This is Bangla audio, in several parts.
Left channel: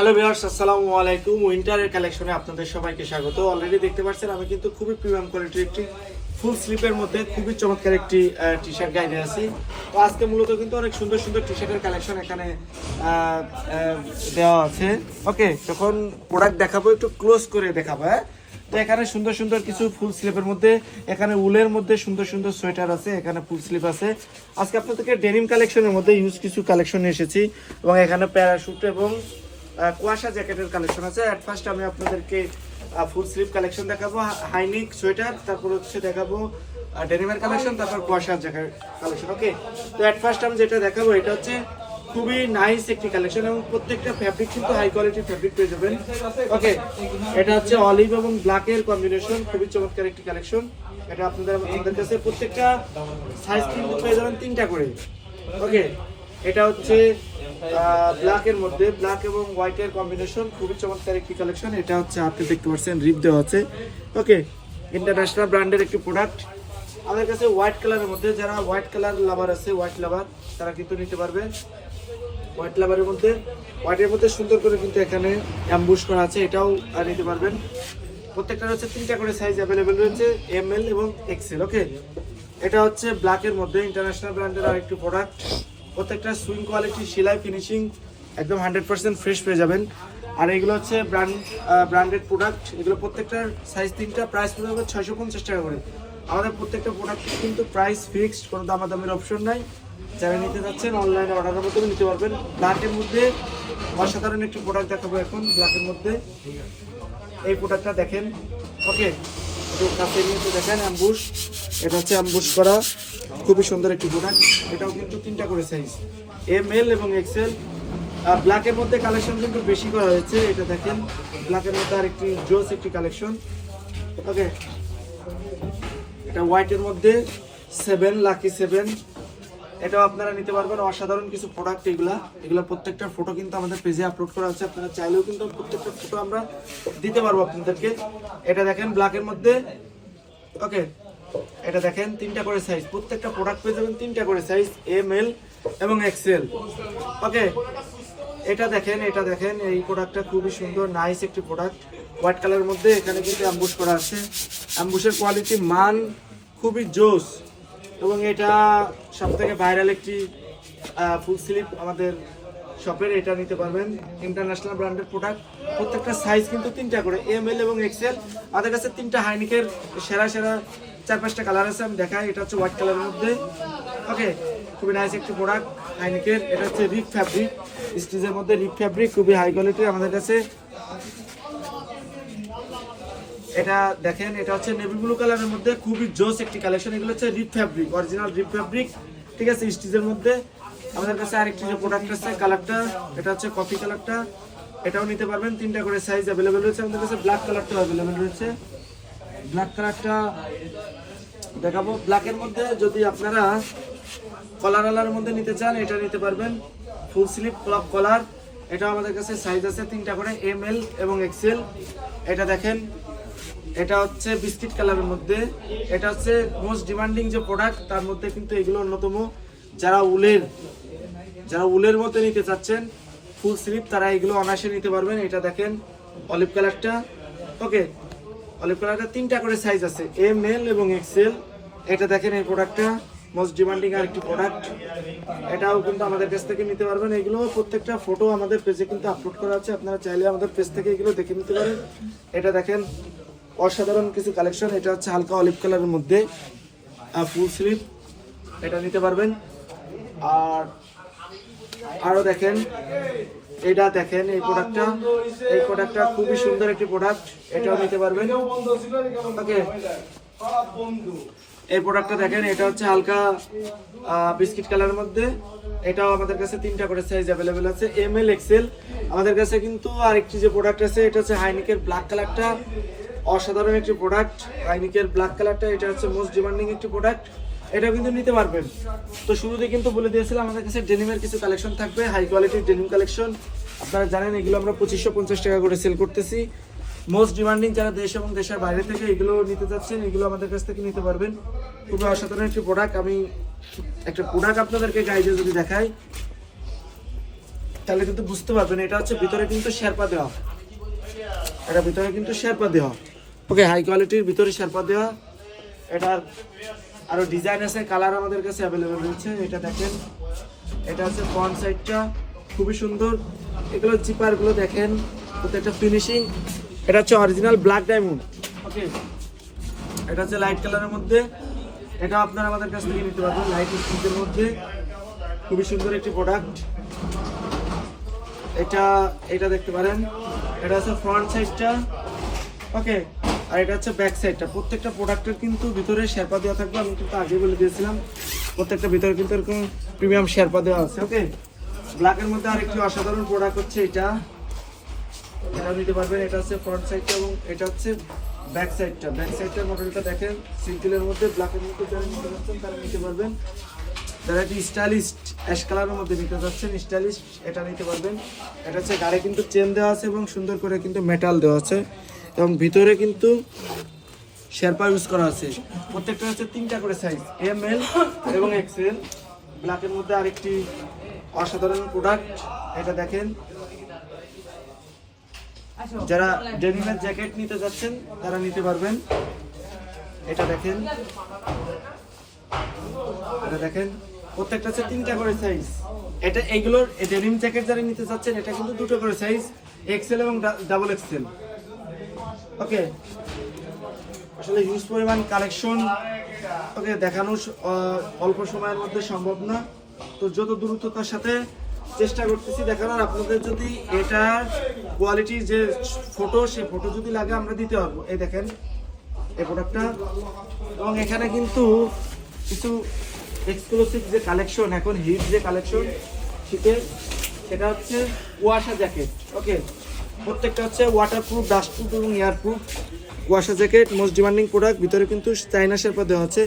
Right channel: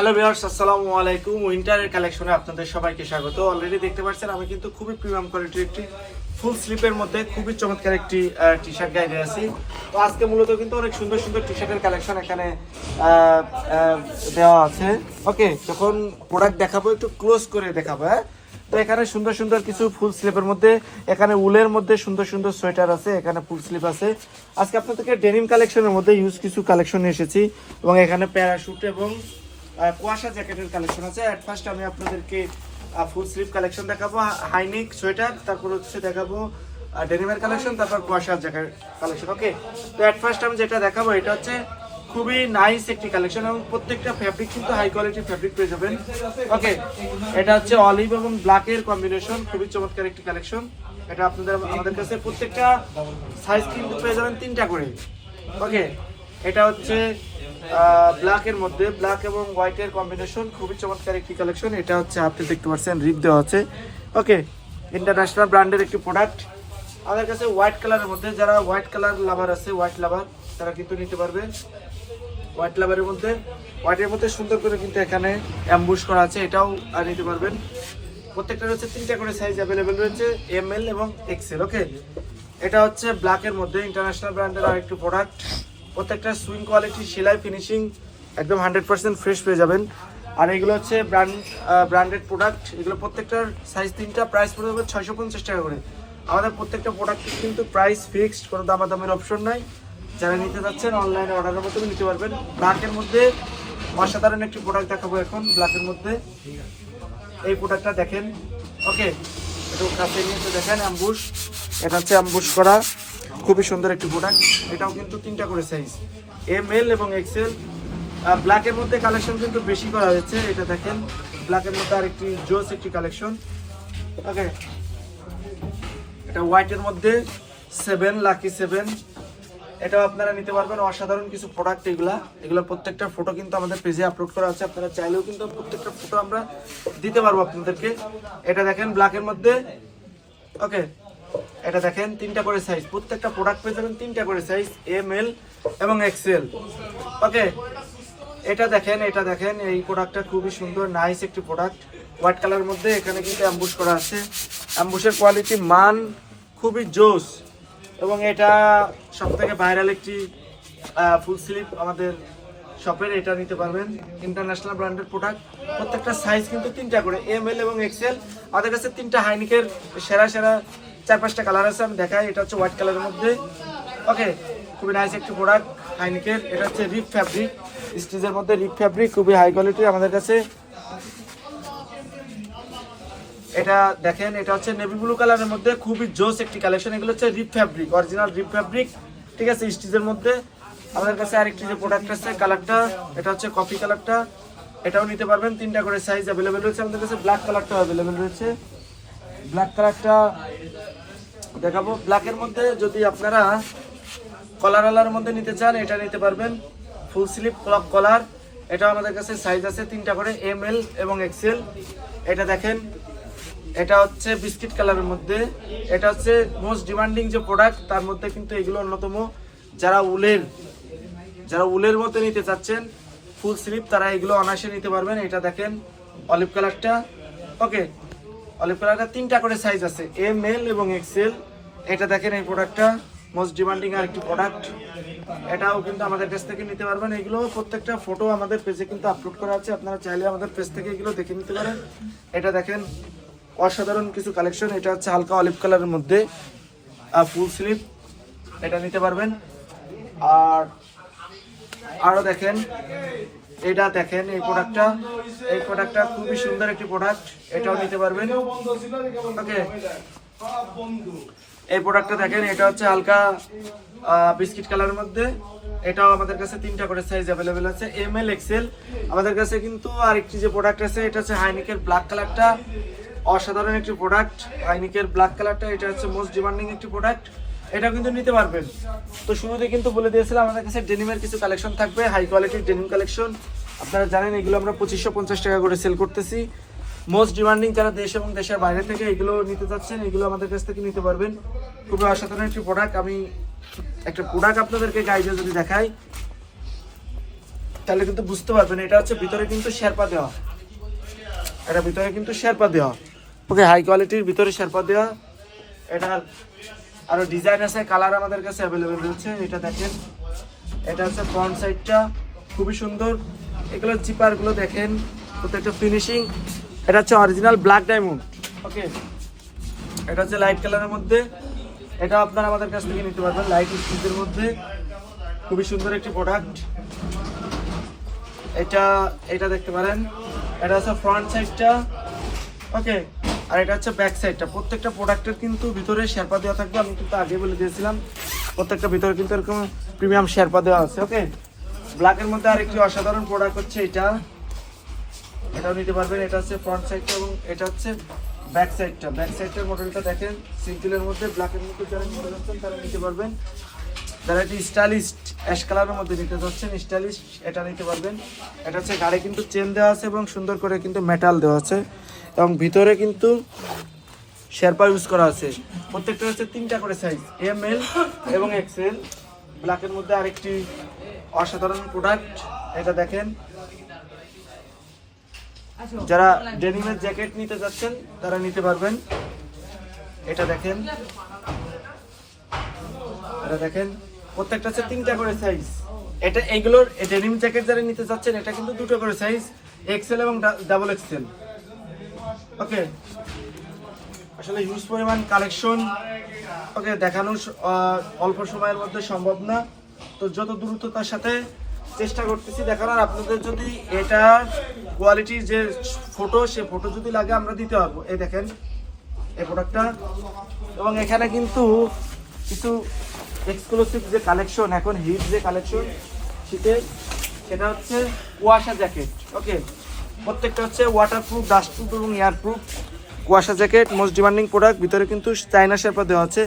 হ্যালো ভিউয়ার্স আসসালামু আলাইকুম। উইন্টারের কালেকশনে আপনাদের সবাইকে স্বাগত। অলরেডি দেখতে পাচ্ছেন, আমি কিন্তু খুবই প্রিমিয়াম কোয়ালিটির একটি ফুল স্লিপের মধ্যে খুবই চমৎকার একটি টি শার্ট গাইডে আছি। তো আজকে মূলত কিন্তু অনেক সুন্দর সুন্দর টি শার্টের কালেকশন এখানে দেওয়া আছে। ওকে যখন প্রোডাক্ট দেখাবো, একটু ক্লোজ করে দেখাবো হ্যাঁ? তো এখানে সুন্দর সুন্দর কিছু ফুল স্লিপের মধ্যে, এখানে উলের মধ্যে সুন্দর সুন্দর সোয়েটার আছে, এখানে ফুল স্লিপ আছে। আজকে আপনাদেরকে ডেনিম কালেকশনের মধ্যে ইউজ কিছু কালেকশন এসেছি, এবং এখানে প্যারাশুট এবং কুয়াশা জ্যাকেটের কালেকশন আছে। অ্যাট ফার্স্ট আমি আপনাদেরকে ফুল স্লিভ কালেকশন দেখাবো। হাইনিক সোয়েটার তারপর হচ্ছে দেখাবো ডেনিমের কালেকশন তারপর কুয়াশা জ্যাকেট কালেকশন ওকে তো অ্যাট ফার্স্ট আমি যেটা দেখাবো, এটা হচ্ছে খুবই নাইস একটি কালেকশন এবং প্রত্যেকটা ফ্যাব্রিক কিন্তু হাই কোয়ালিটির ফ্যাব্রিক পেয়ে যাবেন ওকে এটা হচ্ছে অলিভ এবং ব্ল্যাকের কম্বিনেশন খুবই চমৎকার একটি কালেকশন এটা আপনাদের, আমাদের কাছে প্রত্যেকটা সাইজ কিন্তু পেয়ে যাবেন তিনটা করে ওকে এটা হচ্ছে ব্ল্যাকের মধ্যে। ব্ল্যাক এবং হোয়াইটের কম্বিনেশন খুবই চমৎকার একটি কালেকশন এটা হচ্ছে আপনি দেখতে পাচ্ছেন রিপ দেওয়া আছে ওকে ইন্টারন্যাশনাল ব্র্যান্ডের একটি প্রোডাক্ট আমাদের কাছে হোয়াইট কালারের মধ্যে, যারা হোয়াইট কালার লাভার আছে হোয়াইট লাভার তারা কিন্তু নিতে পারবে। হোয়াইট লাভারের মধ্যে হোয়াইটের মধ্যে সুন্দর করে কিন্তু এখানে অ্যাম্বুশ করা আছে, এটাও নিতে পারবেন। প্রত্যেকটা হচ্ছে তিনটা করে সাইজ অ্যাভেলেবেল রয়েছে এম এল এবং এক্সেল ওকে এটা হচ্ছে ব্ল্যাকের মধ্যে ইন্টারন্যাশনাল ব্র্যান্ডের আরেকটি প্রোডাক্ট প্রত্যেকটা সুইং কোয়ালিটি সেলাই ফিনিশিং একদম হান্ড্রেড পার্সেন্ট ফ্রেশ পেয়ে যাবেন। আর এগুলো হচ্ছে ব্র্যান্ড ব্র্যান্ডেড প্রোডাক্ট এগুলো প্রত্যেকটার সাইজ তিনটা প্রাইস পড়ে যাবে ছয়শো পঞ্চাশ টাকা করে। আমাদের প্রত্যেকটা প্রোডাক্টের কিন্তু প্রাইস ফিক্সড কোনো দামাদামের অপশন নাই। যারা নিতে যাচ্ছেন অনলাইনে অর্ডারের মাধ্যমে নিতে পারবেন। ব্ল্যাকের মধ্যে অসাধারণ একটি প্রোডাক্ট দেখাবো এখন ব্ল্যাকের মধ্যে। এই প্রোডাক্টটা দেখেন। ওকে একটু কাছে নিয়ে দেখেন অ্যাম্বুশ এটা হচ্ছে অ্যাম্বুশ করা। খুবই সুন্দর একটি প্রোডাক্ট এটাও কিন্তু তিনটা করে সাইজ এম এল এবং এক্সেল ব্ল্যাকের মধ্যে কালেকশন কিন্তু বেশি করা হয়েছে। এটা দেখেন ব্ল্যাকের মধ্যে আরেকটি জোস একটি কালেকশন ওকে এটা হোয়াইটের মধ্যে সেভেন লাকি সেভেন এটাও আপনারা নিতে পারবেন। অসাধারণ কিছু প্রোডাক্ট এগুলা। এগুলো প্রত্যেকটা ফটো কিন্তু আমাদের পেজে আপলোড করা আছে। আপনারা চাইলেও কিন্তু প্রত্যেকটা ফটো আমরা দিতে পারব আপনাদেরকে। এটা দেখেন ব্ল্যাকের মধ্যে। ওকে এটা দেখেন, তিনটা করে সাইজ প্রত্যেকটা প্রোডাক্ট পেয়ে যাবেন তিনটা করে সাইজ এম এল এবং এক্সেল ওকে এটা দেখেন এটা দেখেন, এই প্রোডাক্টটা খুবই সুন্দর নাইস একটি প্রোডাক্ট হোয়াইট কালারের মধ্যে এখানে কিন্তু অ্যাম্বুশ করা আছে। অ্যাম্বুশের কোয়ালিটি মান খুবই জোস। এবং এটা সব থেকে ভাইরাল একটি ফুল স্লিপ আমাদের শপের এটা নিতে পারবেন। ইন্টারন্যাশনাল ব্র্যান্ডের প্রোডাক্ট প্রত্যেকটা সাইজ কিন্তু তিনটা করে এম এল এবং এক্সেল আমাদের কাছে তিনটা হাইনিকের সেরা সেরা চার পাঁচটা কালার আছে, আমি দেখাই। এটা হচ্ছে হোয়াইট কালারের মধ্যে। ওকে খুবই নাইস একটি প্রোডাক্ট হাইনিকের এটা হচ্ছে রিপ ফ্যাব্রিক স্টিচের মধ্যে রিপ ফ্যাব্রিক খুবই হাই কোয়ালিটি আমাদের কাছে। এটা দেখেন, এটা হচ্ছে নেভি ব্লু কালারের মধ্যে, খুবই জোস একটি কালেকশন এগুলো হচ্ছে rib fabric original rib fabric ঠিক আছে স্টিচের মধ্যে। আমাদের কাছে আরেকটি যে প্রোডাক্ট আছে কালারটা এটা হচ্ছে কফি কালারটা এটাও নিতে পারবেন, তিনটা করে সাইজ অ্যাভেলেবেল রয়েছে আমাদের কাছে। ব্ল্যাক কালারটাও অ্যাভেলেবেল রয়েছে। ব্ল্যাক কালারটা দেখাবো। ব্ল্যাকের মধ্যে যদি আপনারা কলারওয়ালার মধ্যে নিতে চান, এটা নিতে পারবেন। ফুল স্লিপ কলার এটা আমাদের কাছে সাইজ আছে তিনটা করে এম এল এবং এক্সেল এটা দেখেন, এটা হচ্ছে বিস্কিট কালারের মধ্যে। এটা হচ্ছে মোস্ট ডিমান্ডিং যে প্রোডাক্ট তার মধ্যে কিন্তু এগুলো অন্যতম। যারা উলের যারা উলের মধ্যে নিতে চাচ্ছেন ফুল স্লিপ তারা এগুলো অনায়াসে নিতে পারবেন। এটা দেখেন অলিভ কালারটা ওকে অলিভ কালারটা তিনটা করে সাইজ আছে এম এল এবং এক্সেল এটা দেখেন এই প্রোডাক্টটা মোস্ট ডিমান্ডিং আর একটি প্রোডাক্ট এটাও কিন্তু আমাদের কাছ থেকে নিতে পারবেন। এগুলো প্রত্যেকটা ফটো আমাদের পেজে কিন্তু আপলোড করা আছে। আপনারা চাইলে আমাদের পেজ থেকে এগুলো দেখে নিতে পারেন। এটা দেখেন, অসাধারণ কিছু কালেকশন এটা হচ্ছে হালকা অলিভ কালারের মধ্যে আর ফুল স্লিপ এটা নিতে পারবেন। আর আরও দেখেন, এটা দেখেন এই প্রোডাক্টটা এই প্রোডাক্টটা খুবই সুন্দর একটি প্রোডাক্ট এটাও নিতে পারবেন। ওকে এই প্রোডাক্টটা দেখেন, এটা হচ্ছে হালকা বিস্কিট কালারের মধ্যে। এটাও আমাদের কাছে তিনটা করে সাইজ অ্যাভেলেবেল আছে। এম এল এক্সেল আমাদের কাছে কিন্তু আরেকটি যে প্রোডাক্ট আছে, এটা হচ্ছে হাইনিকের ব্ল্যাক কালারটা অসাধারণ একটি প্রোডাক্ট হাইনিকের ব্ল্যাক কালারটা এটা হচ্ছে মোস্ট ডিমান্ডিং একটি প্রোডাক্ট এটা কিন্তু নিতে পারবেন। তো শুরুতে কিন্তু বলে দিয়েছিলাম, আমাদের কাছে ডেনিমের কিছু কালেকশন থাকবে হাই কোয়ালিটির ডেনিম কালেকশন আপনারা জানেন, এগুলো আমরা পঁচিশশো পঞ্চাশ টাকা করে সেল করতেছি। মোস্ট ডিমান্ডিং যারা দেশ এবং দেশের বাইরে থেকে এগুলো নিতে চাচ্ছেন এগুলো আমাদের কাছ থেকে নিতে পারবেন। খুবই অসাধারণ একটি প্রোডাক্ট আমি একটা প্রোডাক্ট আপনাদেরকে গাইডে যদি দেখাই, তাহলে কিন্তু বুঝতে পারবেন, এটা হচ্ছে ভিতরে কিন্তু শেরপা দেওয়া। এটা ভিতরে কিন্তু শেরপা দেওয়া। ওকে হাই কোয়ালিটির ভিতরে শেরপা দেওয়া। এটার আরও ডিজাইন আছে কালার আমাদের কাছে অ্যাভেলেবেল রয়েছে, এটা দেখেন। এটা হচ্ছে ফ্রন্ট সাইডটা খুবই সুন্দর। এগুলো জিপারগুলো দেখেন, প্রত্যেকটা ফিনিশিং এটা হচ্ছে অরিজিনাল ব্ল্যাক ডায়মন্ড ওকে এটা হচ্ছে লাইট কালারের মধ্যে। এটা আপনারা আমাদের কাছ থেকে নিতে পারবেন লাইট স্টিচের মধ্যে। খুবই সুন্দর একটি প্রোডাক্ট এটা এটা দেখতে পারেন। এটা হচ্ছে ফ্রন্ট সাইডটা ওকে আর এটা হচ্ছে ব্যাক সাইডটা প্রত্যেকটা প্রোডাক্টের কিন্তু ভিতরে শেরপা দেওয়া থাকবে। আমি কিন্তু আগে বলে দিয়েছিলাম, প্রত্যেকটা ভিতরে কিন্তু এরকম প্রিমিয়াম শেরপা দেওয়া আছে। ওকে ব্ল্যাকের মধ্যে আরেকটি অসাধারণ প্রোডাক্ট হচ্ছে এটা। এটাও নিতে পারবেন, এটা হচ্ছে ফ্রন্ট সাইডটা এবং এটা হচ্ছে ব্যাক সাইডটা ব্যাক সাইডটার মডেলটা দেখেন সিঙ্গেলের মধ্যে ব্ল্যাকের মধ্যে যারা নিতে যাচ্ছেন তারা নিতে পারবেন। যারা এটি স্টাইলিস্ট অ্যাশ কালারের মধ্যে নিতে যাচ্ছেন স্টাইলিস্ট এটা নিতে পারবেন। এটা হচ্ছে গাড়ি কিন্তু চেন দেওয়া আছে এবং সুন্দর করে কিন্তু মেটাল দেওয়া আছে। এবং ভিতরে কিন্তু শেরপা ইউজ করা আছে। প্রত্যেকটা হচ্ছে তিনটা করে সাইজ এম এল এবং এক্সেল ব্ল্যাকের মধ্যে আরেকটি অসাধারণ প্রোডাক্ট এটা দেখেন। যারা ডেনিমের জ্যাকেট নিতে যাচ্ছেন, তারা নিতে পারবেন। এটা দেখেন। এটা দেখেন। প্রত্যেকটা হচ্ছে তিনটা করে সাইজ এটা এগুলোর ডেনিম জ্যাকেট যারা নিতে যাচ্ছেন, এটা কিন্তু দুটো করে সাইজ এক্সেল এবং ডাবল এক্সেল ওকে আসলে হিউজ পরিমাণ কালেকশন ওকে দেখানো অল্প সময়ের মধ্যে সম্ভব না। তো যত দ্রুততার সাথে চেষ্টা করতেছি দেখানোর আপনাদের যদি এটা কোয়ালিটির যে ফটো সে ফটো যদি লাগে আমরা দিতে পারব। এই দেখেন, এই প্রোডাক্টটা এবং এখানে কিন্তু কিছু এক্সক্লুসিভ যে কালেকশন এখন হিট যে কালেকশন শীতের সেটা হচ্ছে কুয়াশা জ্যাকেট ওকে প্রত্যেকটা হচ্ছে ওয়াটারপ্রুফ ডাস্টপ্রুফ এবং এয়ারপ্রুফ কুয়াশা জ্যাকেট মোস্ট ডিমান্ডিং প্রোডাক্ট ভিতরে কিন্তু চাইনা শেপা দেওয়া আছে।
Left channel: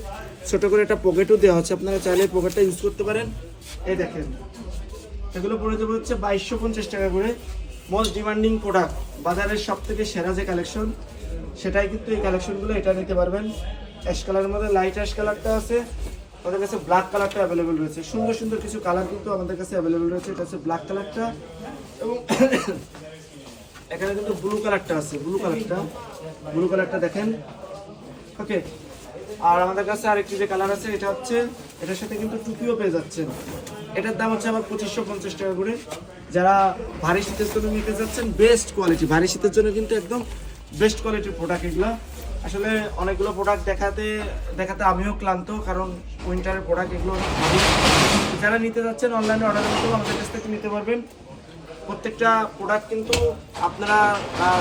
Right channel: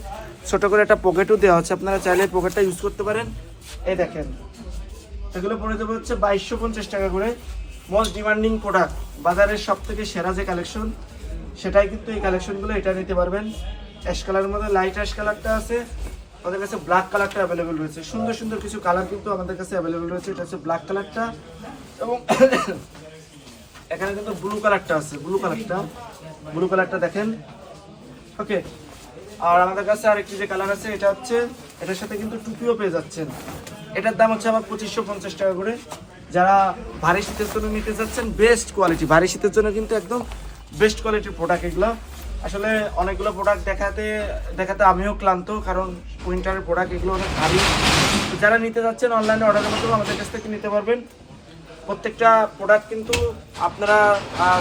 ছোট করে একটা পকেটও দেওয়া আছে। আপনারা চাইলে পকেটটা ইউজ করতে পারেন। এই দেখেন এগুলো পড়ে যাবে হচ্ছে বাইশশো পঞ্চাশ টাকা করে। মোস্ট ডিমান্ডিং প্রোডাক্ট বাজারের সব থেকে সেরা যে কালেকশন সেটাই কিন্তু এই কালেকশনগুলো এটা নিতে পারবেন। অ্যাশ কালারের মধ্যে লাইট অ্যাশ কালারটা আছে, আমাদের কাছে ব্ল্যাক কালারটা অ্যাভেলেবেল রয়েছে। সুন্দর সুন্দর কিছু কালার কিন্তু আমাদের কাছে অ্যাভেলেবেল রয়েছে, এটা হচ্ছে ব্ল্যাক কালারটা এবং এখানে কিন্তু ব্লু কালারটা আছে ব্লু কালারটা ব্লু কালারটা দেখেন। ওকে আর আমাদের কাছে আরেকটি যে কালার আছে, এটা হচ্ছে, এটার সাথে কিন্তু টুপিও পেয়ে যাচ্ছেন। এটার দাম হচ্ছে আবার পঁচিশশো পঞ্চাশ টাকা করে। যারা ভারী শীতের জন্য নিতে যাচ্ছেন বেস্ট কোয়ালিটি ভারী শীতের জন্য কিন্তু একদম বেস্ট কোয়ালিটির প্রোডাক্ট এগুলো। আসলে অনেকগুলো প্রোডাক্ট দেখাতে দেখাতে আমিও ক্লান্ত, কারণ উইন্টারের প্রোডাক্ট এগুলো অনেক ভারী। যারা নিতে যাচ্ছেন অনলাইনে অর্ডারের মাধ্যমে আমাদের কাছ থেকে নিতে পারবেন। প্রত্যেকটা প্রোডাক্ট কিন্তু আপনারা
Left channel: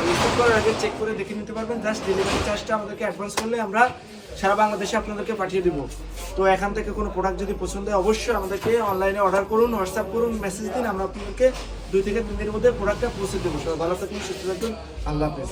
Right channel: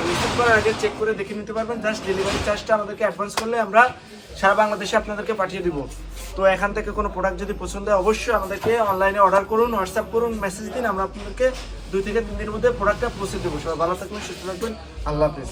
রিসিভ করার আগে চেক করে দেখে নিতে পারবেন। জাস্ট ডেলিভারি চার্জটা আমাদেরকে অ্যাডভান্স করলে আমরা সারা বাংলাদেশে আপনাদেরকে পাঠিয়ে দিব। তো এখান থেকে কোনো প্রোডাক্ট যদি পছন্দ হয়, অবশ্যই আমাদেরকে অনলাইনে অর্ডার করুন হোয়াটসঅ্যাপ করুন মেসেজ দিন, আমরা আপনাদেরকে দুই থেকে তিন দিনের মধ্যে প্রোডাক্টটা পৌঁছে দেবো। সবাই ভালো থাকবেন, সুস্থ থাকবেন। আল্লাহ হাফেজ।